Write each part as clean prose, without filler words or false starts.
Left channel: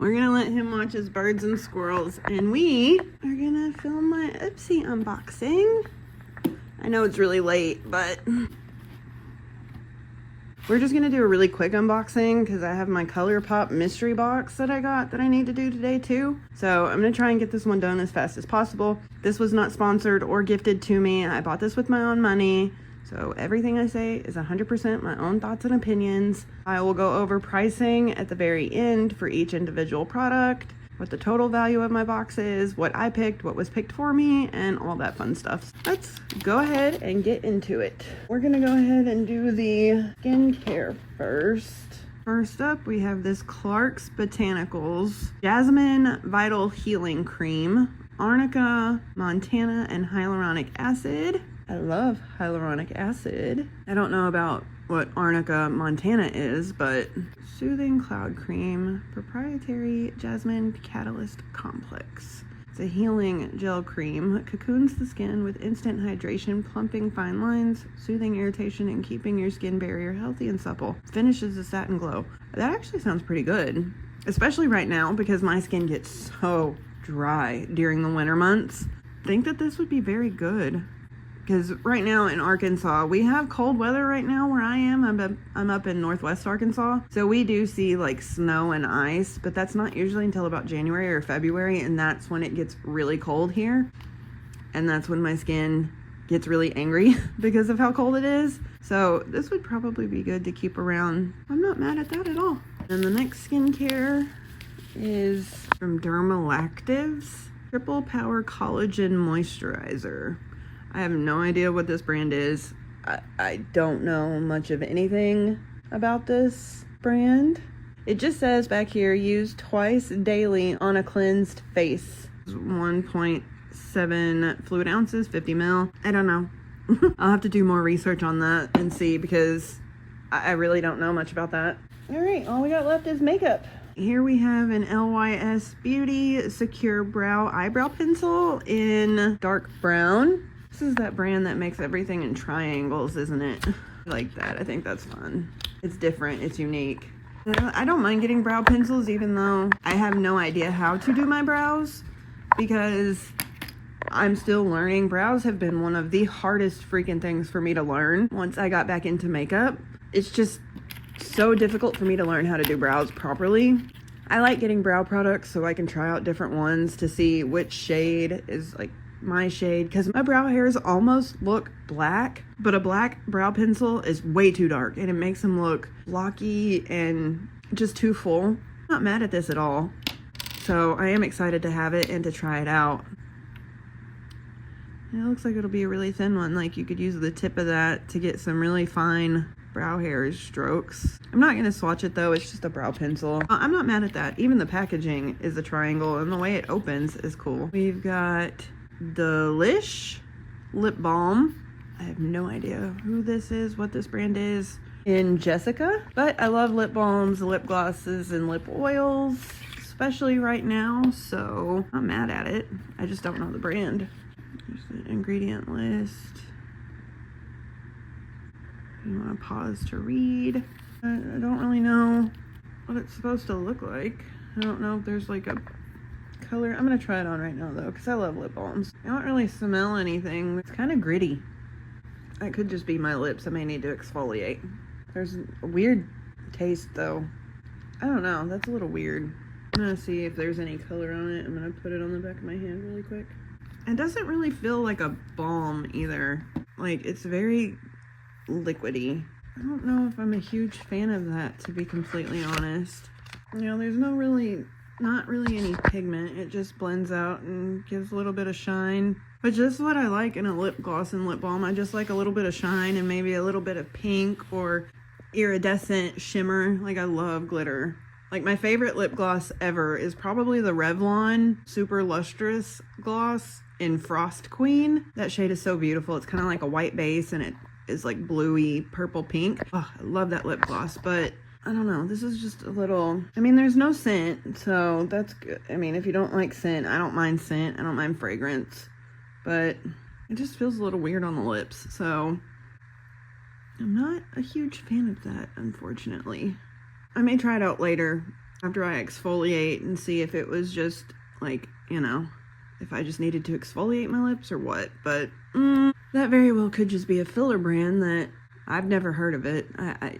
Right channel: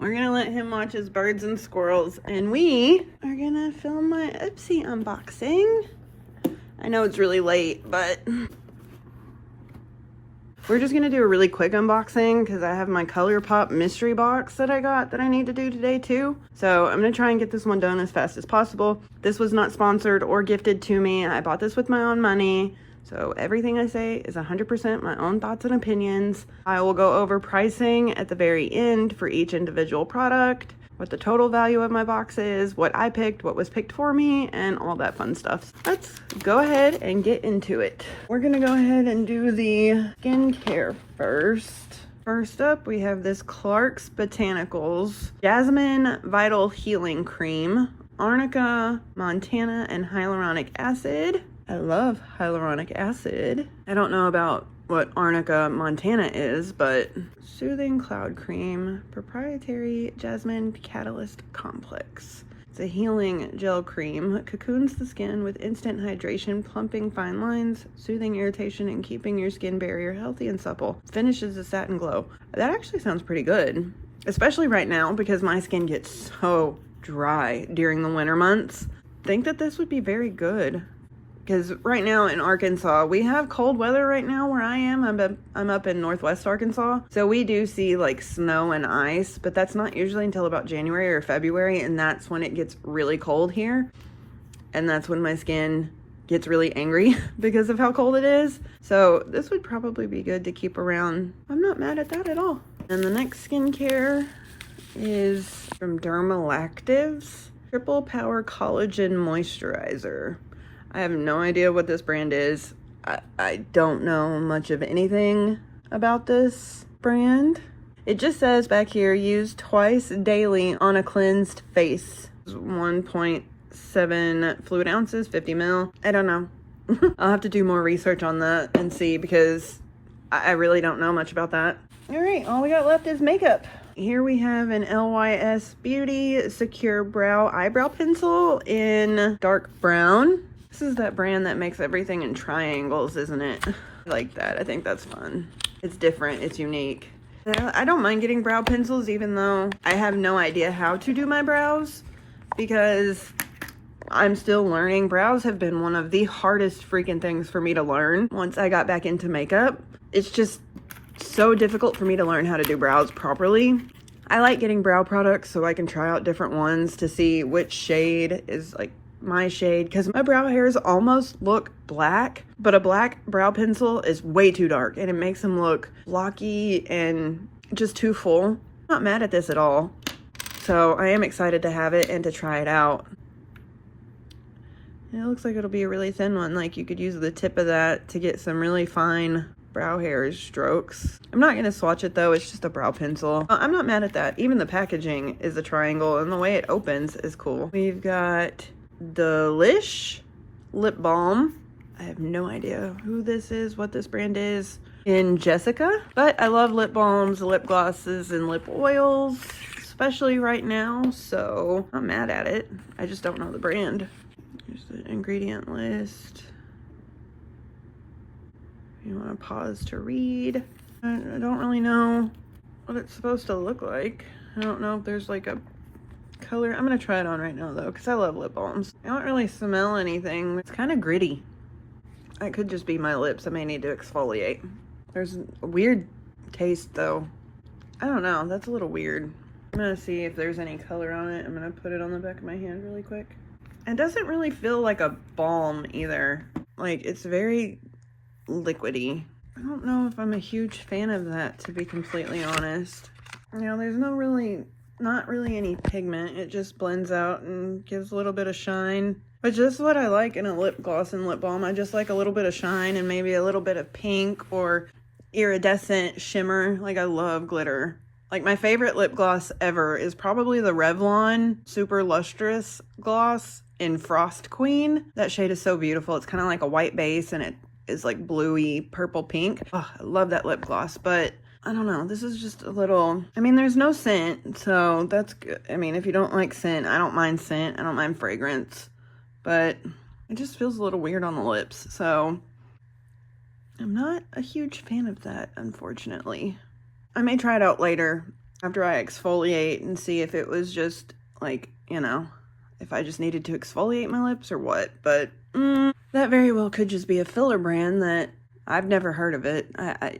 We're gonna let him watch his birds and squirrels, and we are gonna film my Ipsy unboxing. I know it's really late, but we're just gonna do a really quick unboxing because I have my ColourPop mystery box that I got that I need to do today too. So I'm gonna try and get this one done as fast as possible. This was not sponsored or gifted to me. I bought this with my own money. So everything I say is 100% my own thoughts and opinions. I will go over pricing at the very end for each individual product, what the total value of my box is, what I picked, what was picked for me, and all that fun stuff. Let's go ahead and get into it. We're gonna go ahead and do the skincare first. First up, we have this Clarks Botanicals Jasmine Vital Healing Cream, Arnica, Montana, and hyaluronic acid. I love hyaluronic acid. I don't know about what Arnica Montana is, but Soothing Cloud Cream, Proprietary Jasmine Catalyst Complex. It's a healing gel cream. Cocoons the skin with instant hydration, plumping fine lines, soothing irritation, and keeping your skin barrier healthy and supple. Finishes a satin glow. That actually sounds pretty good, especially right now because my skin gets so dry during the winter months. I think that this would be very good. Because right now in Arkansas, we have cold weather right now where I am. I'm up in northwest Arkansas. So we do see like snow and ice, but that's not usually until about January or February. And that's when it gets really cold here. And that's when my skin gets really angry because of how cold it is. So this would probably be good to keep around. I'm not mad at that at all. And the next skincare is from Dermalactives Triple Power Collagen Moisturizer. I have no idea what this brand is. I don't know much of anything about this brand. It just says back here, use twice daily on a cleansed face. 1.7 fluid ounces, 50 ml. I don't know. I'll have to do more research on that and see because I really don't know much about that. All right, all we got left is makeup. Here we have an LYS Beauty Secure Brow Eyebrow Pencil in dark brown. This is that brand that makes everything in triangles, isn't it? I like that. I think that's fun. It's different. It's unique. I don't mind getting brow pencils even though I have no idea how to do my brows because I'm still learning. Brows have been one of the hardest freaking things for me to learn once I got back into makeup. It's just so difficult for me to learn how to do brows properly. I like getting brow products so I can try out different ones to see which shade is like my shade because my brow hairs almost look black, but a black brow pencil is way too dark and it makes them look blocky and just too full. I'm not mad at this at all. So I am excited to have it and to try it out. And it looks like it'll be a really thin one. Like you could use the tip of that to get some really fine brow hair strokes. I'm not gonna swatch it though, it's just a brow pencil. I'm not mad at that. Even the packaging is a triangle and the way it opens is cool. We've got Delish lip balm. I have no idea who this is, what this brand is in Jessica, but I love lip balms, lip glosses, and lip oils, especially right now, so I'm not mad at it. I just don't know the brand. Here's the ingredient list. You want to pause to read. I don't really know what it's supposed to look like. I don't know if there's like a color. I'm gonna try it on right now though because I love lip balms. I don't really smell anything. It's kind of gritty. That could just be my lips. I may need to exfoliate. There's a weird taste though. I don't know. That's a little weird. I'm gonna see if there's any color on it. I'm gonna put it on the back of my hand really quick. It doesn't really feel like a balm either. Like it's very liquidy. I don't know if I'm a huge fan of that, to be completely honest. You know, there's not really any pigment. It just blends out and gives a little bit of shine, which is what I like in a lip gloss and lip balm. I just like a little bit of shine and maybe a little bit of pink or iridescent shimmer. Like I love glitter. Like my favorite lip gloss ever is probably the Revlon Super Lustrous Gloss in Frost Queen. That shade is so beautiful. It's kind of like a white base and it is like bluey purple pink. Oh, I love that lip gloss, but I don't know. This is just a little, I mean, there's no scent, so that's good. I mean, if you don't like scent, I don't mind scent. I don't mind fragrance, but it just feels a little weird on the lips. So I'm not a huge fan of that, unfortunately. I may try it out later after I exfoliate and see if it was just like, you know, if I just needed to exfoliate my lips or what. But that very well could just be a filler brand that I've never heard of it.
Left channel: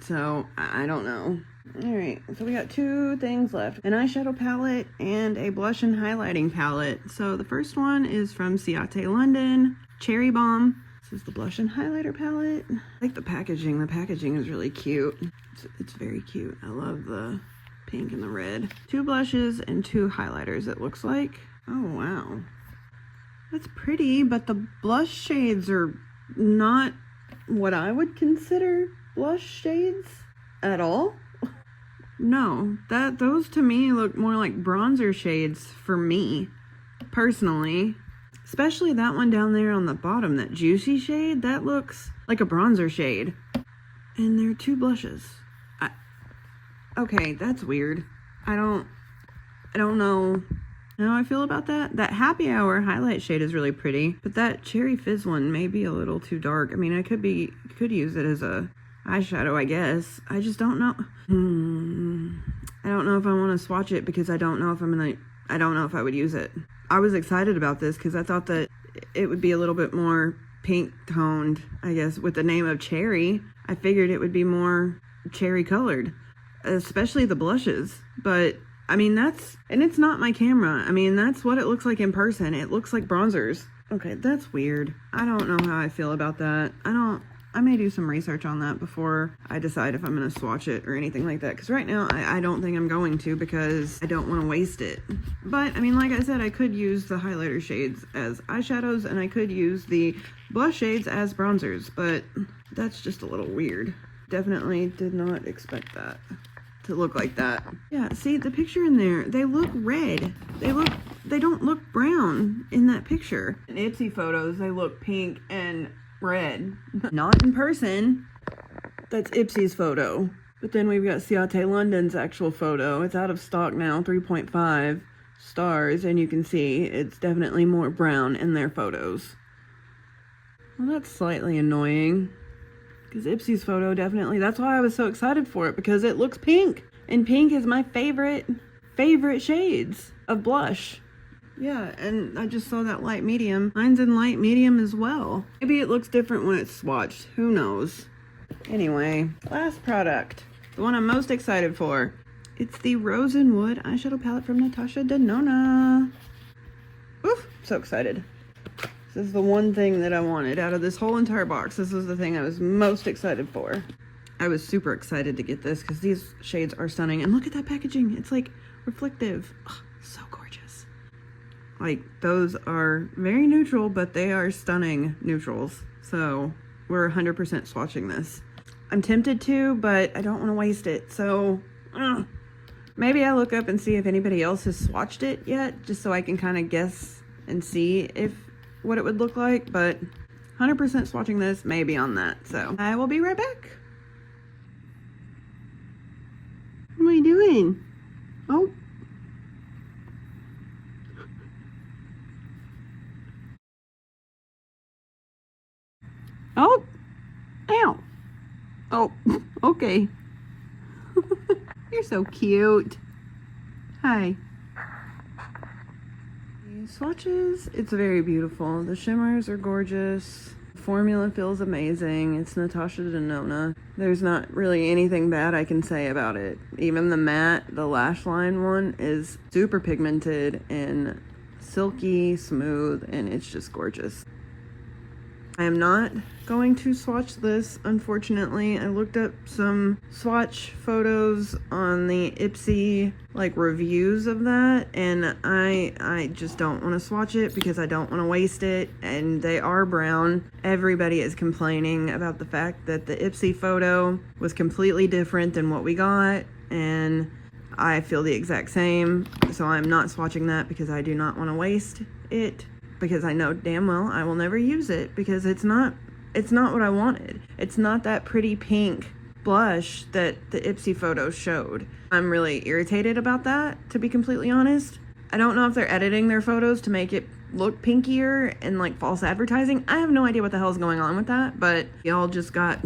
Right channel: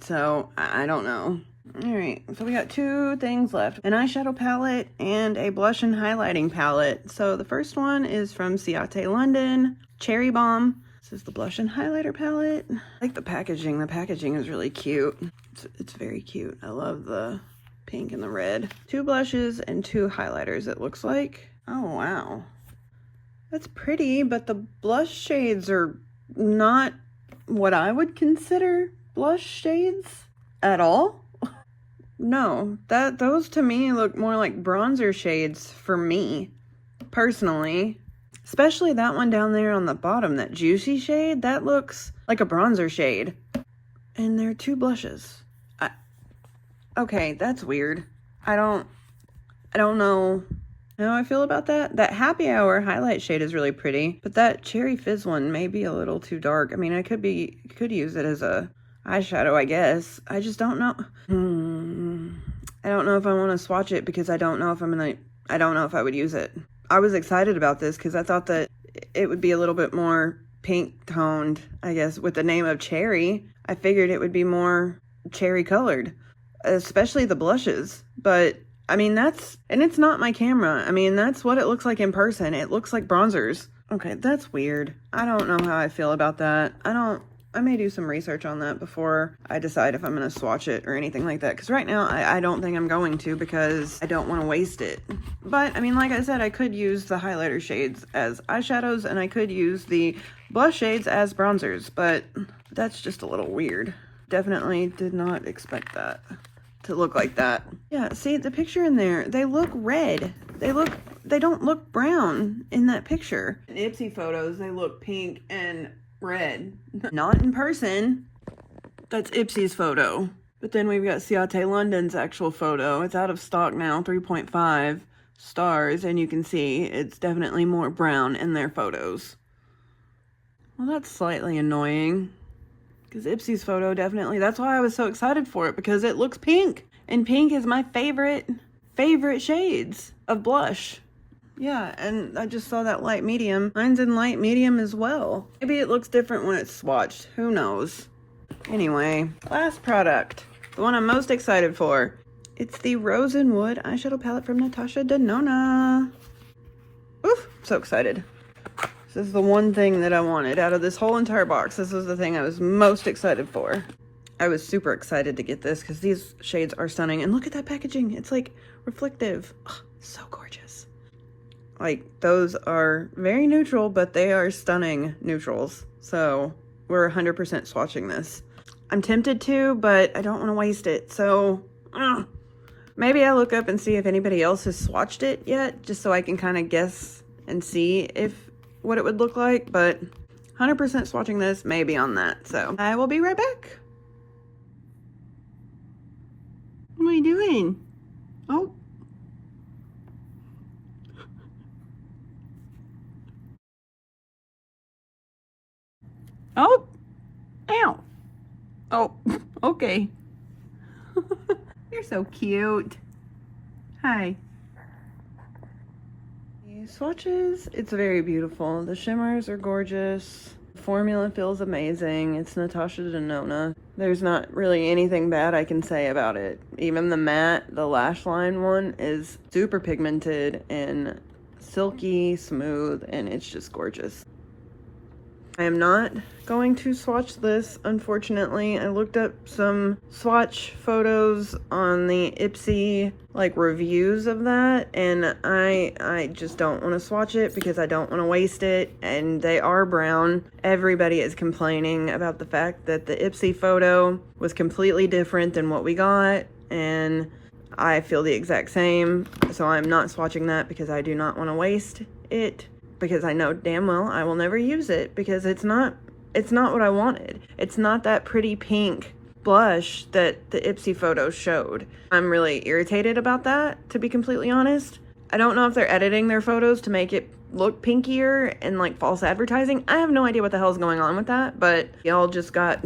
So I don't know. Alright, so we got 2 things left. An eyeshadow palette and a blush and highlighting palette. So the first one is from Ciate London, Cherry Bomb. This is the blush and highlighter palette. I like the packaging. The packaging is really cute. It's very cute. I love the pink and the red. 2 blushes and 2 highlighters, it looks like. Oh, wow. That's pretty, but the blush shades are not what I would consider blush shades at all. No, those to me look more like bronzer shades for me, personally. Especially that one down there on the bottom, that juicy shade, that looks like a bronzer shade. And there are 2 blushes. Okay, that's weird. I don't know how I feel about that. That Happy Hour highlight shade is really pretty, but that Cherry Fizz one may be a little too dark. I mean, I could use it as a eyeshadow, I guess. I just don't know. I don't know if I want to swatch it because I don't know if I don't know if I would use it. I was excited about this because I thought that it would be a little bit more pink toned, I guess, with the name of cherry. I figured it would be more cherry colored, especially the blushes. But I mean, and it's not my camera. I mean, that's what it looks like in person. It looks like bronzers. Okay, that's weird. I don't know how I feel about that. I may do some research on that before I decide if I'm going to swatch it or anything like that. Because right now, I don't think I'm going to because I don't want to waste it. But, I mean, like I said, I could use the highlighter shades as eyeshadows and I could use the blush shades as bronzers. But that's just a little weird. Definitely did not expect that to look like that. Yeah, see, the picture in there, they look red. They don't look brown in that picture. In the Ipsy photos, they look pink and red. Not in person. That's Ipsy's photo. But then we've got Ciate London's actual photo. It's out of stock now, 3.5 stars, and you can see it's definitely more brown in their photos. Well, that's slightly annoying. Because Ipsy's photo definitely, that's why I was so excited for it, because it looks pink. And pink is my favorite shades of blush. Yeah, and I just saw that light medium. Mine's in light medium as well. Maybe it looks different when it's swatched. Who knows? Anyway, last product. The one I'm most excited for. It's the Rose and Wood eyeshadow palette from Natasha Denona. Oof, so excited. This is the one thing that I wanted out of this whole entire box. This was the thing I was most excited for. I was super excited to get this because these shades are stunning. And look at that packaging. It's like reflective. Oh, so gorgeous. Like, those are very neutral, but they are stunning neutrals. So we're 100% swatching this. I'm tempted to, but I don't want to waste it. So maybe I'll look up and see if anybody else has swatched it yet, just so I can kind of guess and see what it would look like. But 100% swatching this, maybe on that. So I will be right back. What are you doing? Oh. Oh, ow. Oh, okay. You're so cute. Hi. The swatches, it's very beautiful. The shimmers are gorgeous. The formula feels amazing. It's Natasha Denona. There's not really anything bad I can say about it. Even the matte, the lash line one is super pigmented and silky smooth, and it's just gorgeous. I am not going to swatch this, unfortunately. I looked up some swatch photos on the Ipsy reviews of that, and I just don't want to swatch it because I don't want to waste it, and they are brown. Everybody is complaining about the fact that the Ipsy photo was completely different than what we got, and I feel the exact same, so I'm not swatching that because I do not want to waste it. Because I know damn well I will never use it because it's not what I wanted. It's not that pretty pink blush that the Ipsy photo showed. I'm really irritated about that, to be completely honest. I don't know if they're editing their photos to make it look pinkier and false advertising. I have no idea what the hell is going on with that, but y'all just got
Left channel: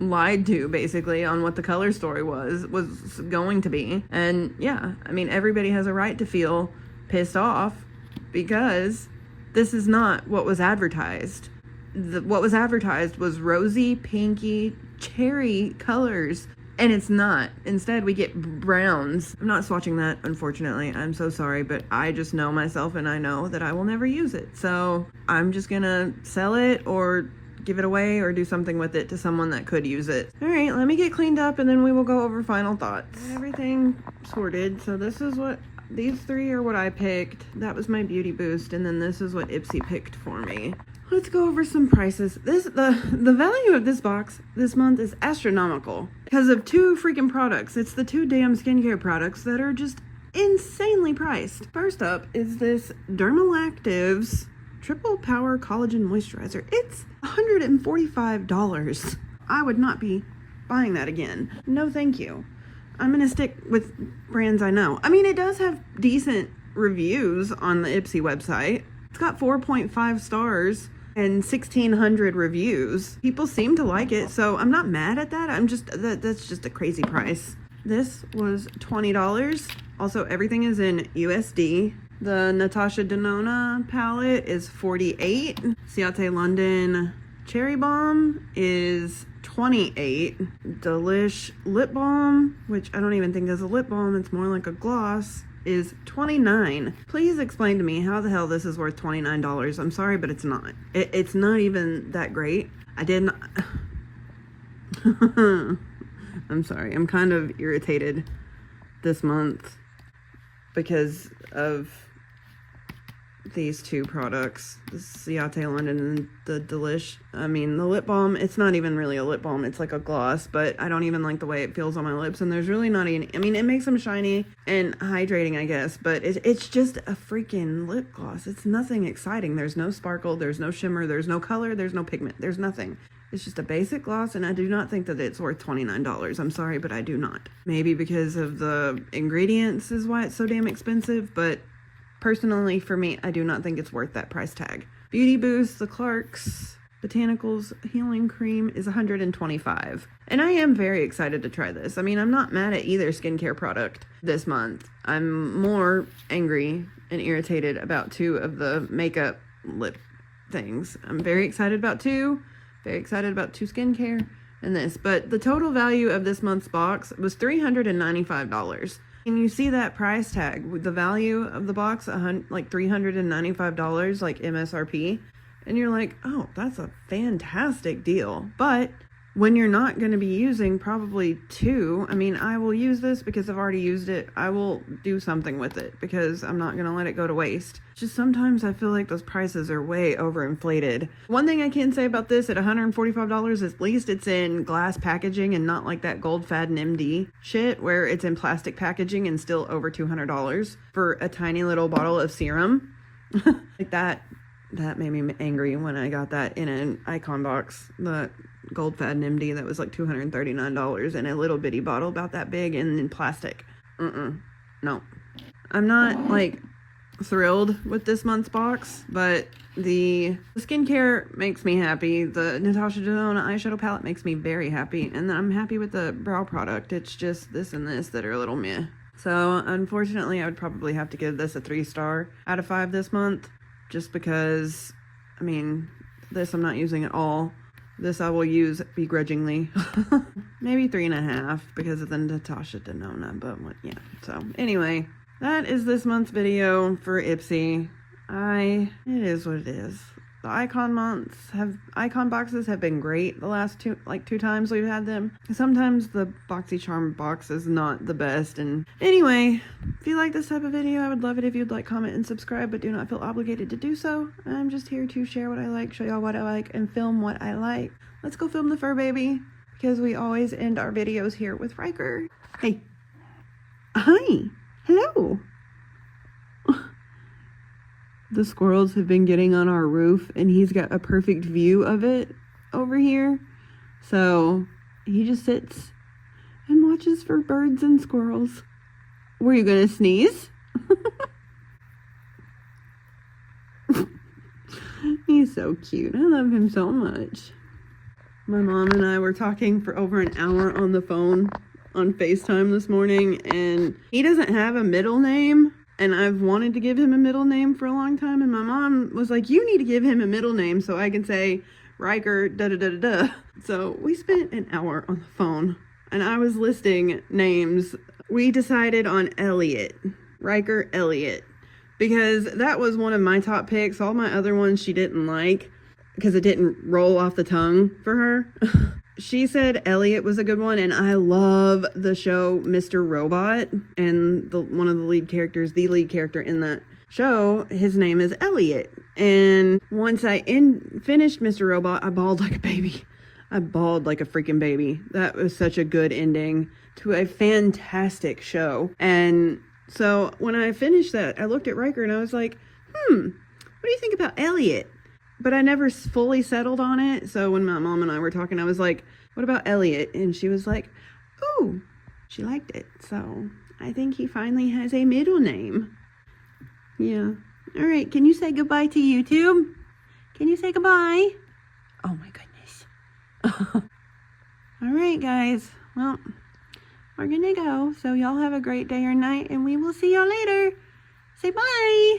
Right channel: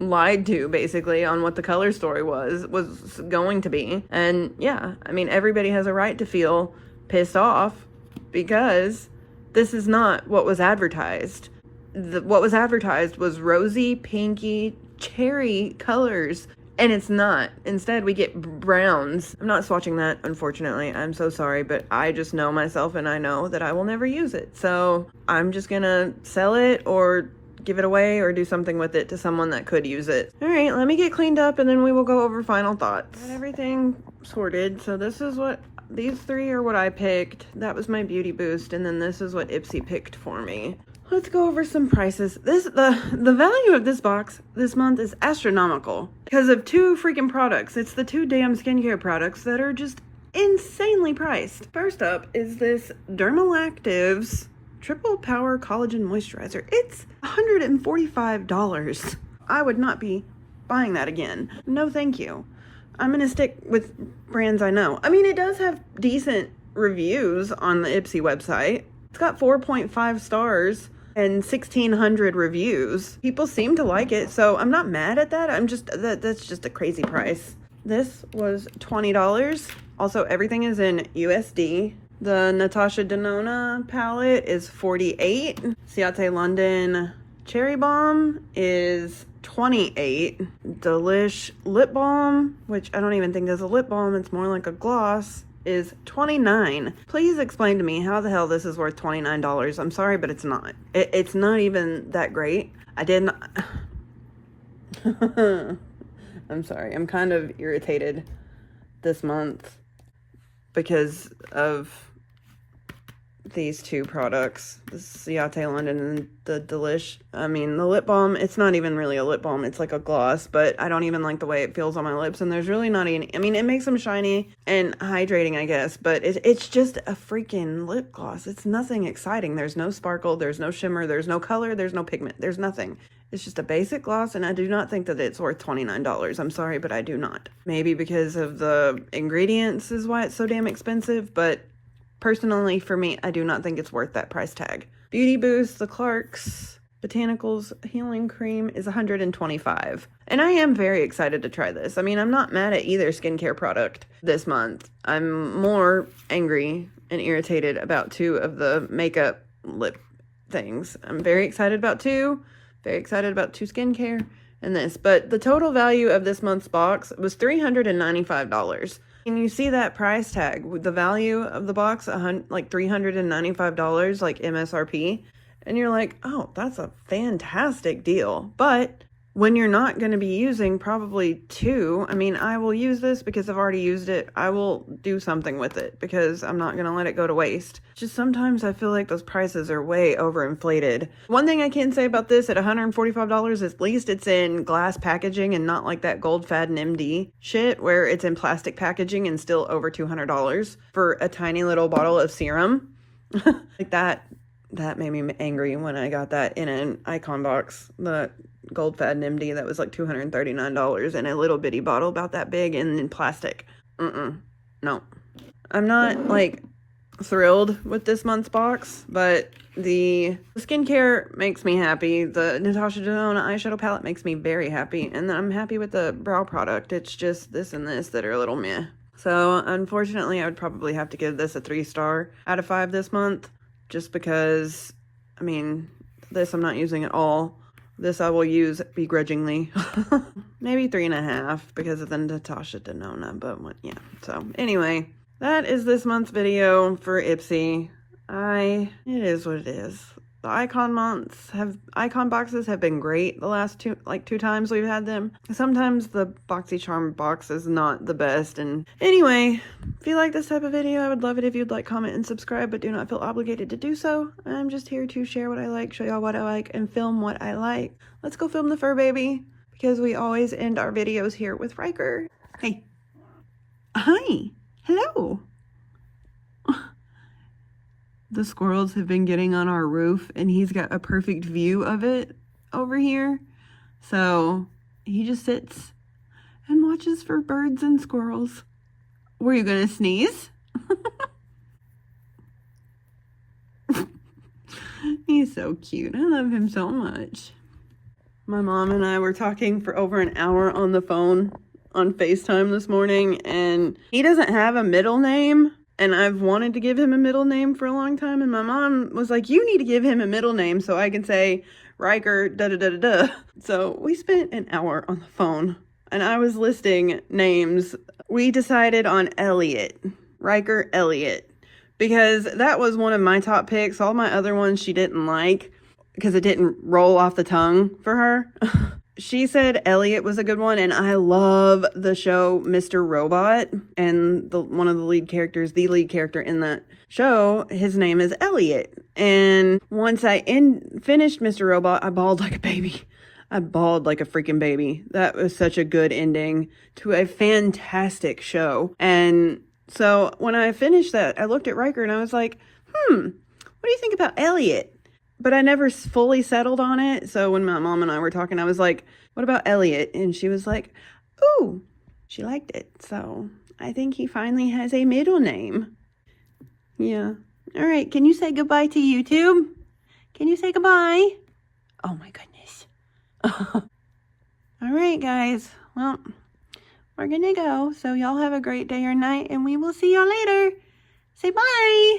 lied to basically on what the color story was going to be. And yeah, I mean, everybody has a right to feel pissed off because this is not what was advertised. What was advertised was rosy, pinky, cherry colors, and it's not. Instead, we get browns. I'm not swatching that, unfortunately. I'm so sorry, but I just know myself, and I know that I will never use it. So I'm just gonna sell it or give it away or do something with it to someone that could use it. All right, let me get cleaned up, and then we will go over final thoughts. Got everything sorted. So this is what, these three are what I picked. That was my beauty boost, and then this is what Ipsy picked for me. Let's go over some prices. The value of this box this month is astronomical because of two freaking products. It's the two damn skincare products that are just insanely priced. First up is this Dermalactives Triple Power Collagen Moisturizer. It's $145. I would not be buying that again. No, thank you. I'm gonna stick with brands I know. I mean, it does have decent reviews on the Ipsy website. It's got 4.5 stars and 1,600 reviews. People seem to like it, so I'm not mad at that. That's just a crazy price. This was $20. Also, everything is in USD. The Natasha Denona palette is $48. Ciate London Cherry Balm is $28. Delish Lip Balm, which I don't even think is a lip balm, it's more like a gloss, is $29. Please explain to me how the hell this is worth $29. I'm sorry, but it's not. It's not even that great. I didn't... I'm sorry. I'm kind of irritated this month because of these two products, the Ciate London and the Delish. I mean, the lip balm, it's not even really a lip balm, it's like a gloss, but I don't even like the way it feels on my lips, and there's really not any, I mean, it makes them shiny and hydrating, I guess, but it's just a freaking lip gloss. It's nothing exciting. There's no sparkle, there's no shimmer, there's no color, there's no pigment, there's nothing. It's just a basic gloss, and I do not think that it's worth $29. I'm sorry, but I do not. Maybe because of the ingredients is why it's so damn expensive, but personally, for me, I do not think it's worth that price tag. Beauty Boost, the Clarks Botanicals Healing Cream is $125. And I am very excited to try this. I mean, I'm not mad at either skincare product this month. I'm more angry and irritated about two of the makeup lip things. I'm very excited about two. Very excited about two skincare and this. But the total value of this month's box was $395. And you see that price tag with the value of the box, like $395, like MSRP. And you're like, oh, that's a fantastic deal. But when you're not going to be using probably two, I mean, I will use this because I've already used it. I will do something with it because I'm not going to let it go to waste. Just sometimes I feel like those prices are way overinflated. One thing I can say about this at $145, at least it's in glass packaging and not like that Gold Fad and MD shit where it's in plastic packaging and still over $200 for a tiny little bottle of serum. Like that made me angry when I got that in an icon box. The Gold Fad and MD that was like $239 in a little bitty bottle about that big and in plastic. No. I'm not like thrilled with this month's box, but the skincare makes me happy. The Natasha Denona eyeshadow palette makes me very happy, and I'm happy with the brow product. It's just this and this that are a little meh. So unfortunately, I would probably have to give this a 3-star out of 5 this month, just because, I mean, this I'm not using at all. This I will use begrudgingly. Maybe 3.5 because of the Natasha Denona, but yeah. So anyway, that is this month's video for Ipsy. It is what it is. The icon boxes have been great the last two times we've had them. Sometimes the Boxycharm box is not the best. And anyway, if you like this type of video, I would love it if you'd like, comment, and subscribe, but do not feel obligated to do so. I'm just here to share what I like, show y'all what I like, and film what I like. Let's go film the fur baby, because we always end our videos here with Ryker. Hey. Hi. Hello. The squirrels have been getting on our roof, and he's got a perfect view of it over here. So he just sits and watches for birds and squirrels. Were you gonna sneeze? He's so cute. I love him so much. My mom and I were talking for over an hour on the phone on FaceTime this morning, and he doesn't have a middle name, and I've wanted to give him a middle name for a long time, and my mom was like, you need to give him a middle name so I can say Ryker da-da-da-da-da. So we spent an hour on the phone, and I was listing names. We decided on Elliot, Ryker Elliot, because that was one of my top picks. All my other ones she didn't like because it didn't roll off the tongue for her. She said Elliot was a good one, and I love the show Mr. Robot, and one of the lead characters, the lead character in that show, his name is Elliot. And once I finished Mr. Robot, I bawled like a baby. I bawled like a freaking baby. That was such a good ending to a fantastic show. And so when I finished that, I looked at Ryker and I was like, what do you think about Elliot? But I never fully settled on it. So when my mom and I were talking, I was like, what about Elliot? And she was like, ooh, she liked it. So I think he finally has a middle name. Yeah. All right. Can you say goodbye to YouTube? Can you say goodbye? Oh my goodness. All right, guys. Well, we're going to go. So y'all have a great day or night, and we will see y'all later. Say bye.